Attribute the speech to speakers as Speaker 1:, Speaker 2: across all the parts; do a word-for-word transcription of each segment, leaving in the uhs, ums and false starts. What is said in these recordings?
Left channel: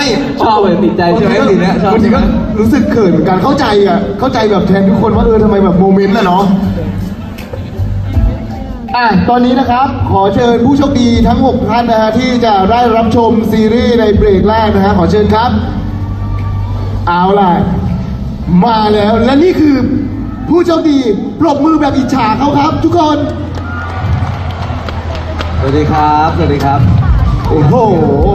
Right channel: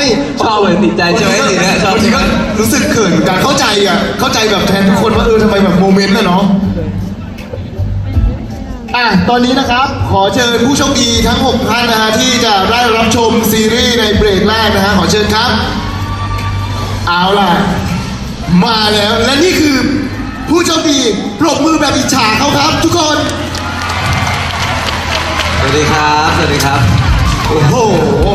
Speaker 1: ชอบเลยติดใจใช่ไหมทีเนี้ยชอบบ
Speaker 2: างทีก็รู้สึกเขินการเข้าใจอ่ะเข้าใจแบบแทนทุกคนว่าเออทำไมแบบโมเมนต์น่ะเนาะอ่ะตอนนี้นะครับขอเชิญผู้โชคดีทั้งหกท่านนะฮะที่จะได้รับชมซีรีส์ในเบรกแรกนะฮะขอเชิญครับเอาล่ะมาแล้วและนี่คือผู้โชคดีปรบมือแบบอิจฉาเขาครับทุกคน
Speaker 1: สวัสดีครับสวัสดีครับ
Speaker 2: โอ้โห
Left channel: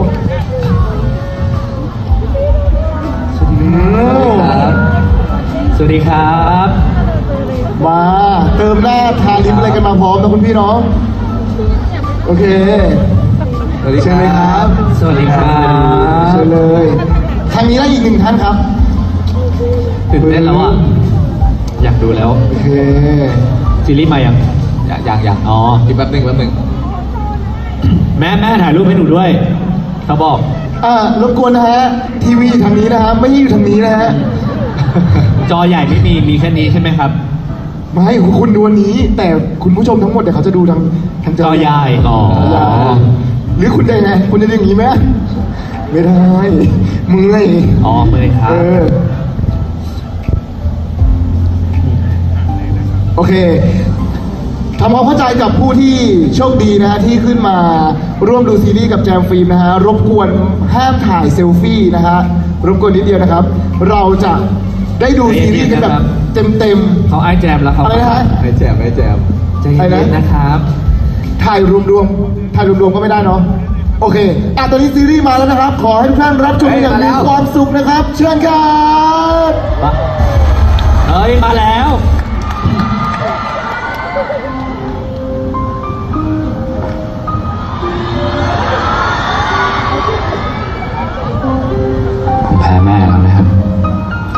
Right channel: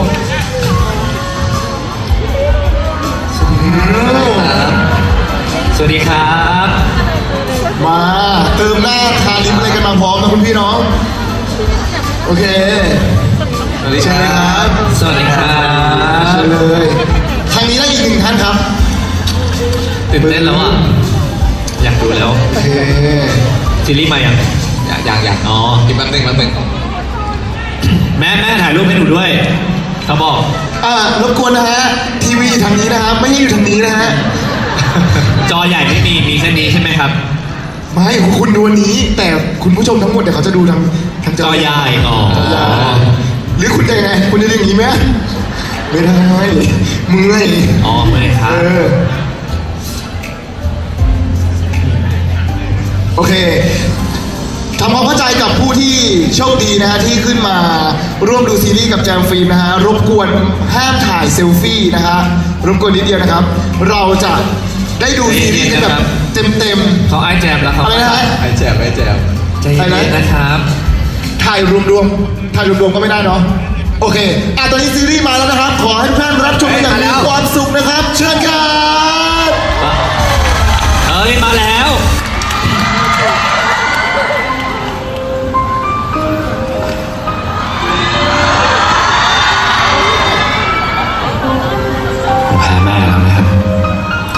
Speaker 2: อืม
Speaker 1: สวัสดีครับ
Speaker 2: มาเติมหน้าทาลิปอะไรกันมาพร้อมนะคุณพี่น้องโอเค
Speaker 1: สวัสดีครับสวัสดีครับ
Speaker 2: เชิญเลยทางนี้ได้อีกหนึ่งท่านครับ
Speaker 1: ตื่นเต้นแล้วอ่ะอยากดูแล้ว
Speaker 2: โอเค
Speaker 1: ซีรีส์มายังยังยังยังอ๋ออีกแป๊บหนึงแป๊บหนึงแม่แม่ถ่ายรูปให้หนูด้วยเขาบอก
Speaker 2: อ่ารบกวนนะฮะทีวีอยู่ทางนี้นะฮะไม่ได้อยู่ทางนี้นะฮะ
Speaker 1: จอใหญ่ไม่มีมีแค่นี้ใช่ไหมครับ
Speaker 2: ไม่คุณดูวันนี้ แต่คุณผู้ชมทั้งหมดเดี๋ยวเขาจะดูทางทาง
Speaker 1: จอใหญ่อ๋อ
Speaker 2: จอใหญ่หรือคุณจะยังไงคุณจะอย่างนี้ไหมไม่ได้เมื่อย
Speaker 1: อ๋อเลยครับ
Speaker 2: เออโอเคทำความเข้าใจกับผู้ที่โชคดีนะฮะที่ขึ้นมาร่วมดูซีรีส์กับแจมฟิล์มนะฮะรบกวนห้ามถ่ายเซลฟี่นะฮะรบกวนนิดเดียวนะครับ เราจะได้ดูซีรีส์กันแบบเต็ม
Speaker 1: เขาไอแจมแล้ว
Speaker 2: ๆ
Speaker 1: เขา
Speaker 2: อะไรนะฮะ
Speaker 1: ไอแจมไอแจมใจเย็นๆนะครับ
Speaker 2: ถ่ายรวมๆถ่ายรวมๆก็ไม่ได้เนาะโอเคอ่ะตอนนี้ซีรีส์มาแล้วนะครับ ขอให้ทุกท่านรับชมอย่างมีความสุขนะครับ เชิญครับ
Speaker 1: เฮ้ยมาแล้ว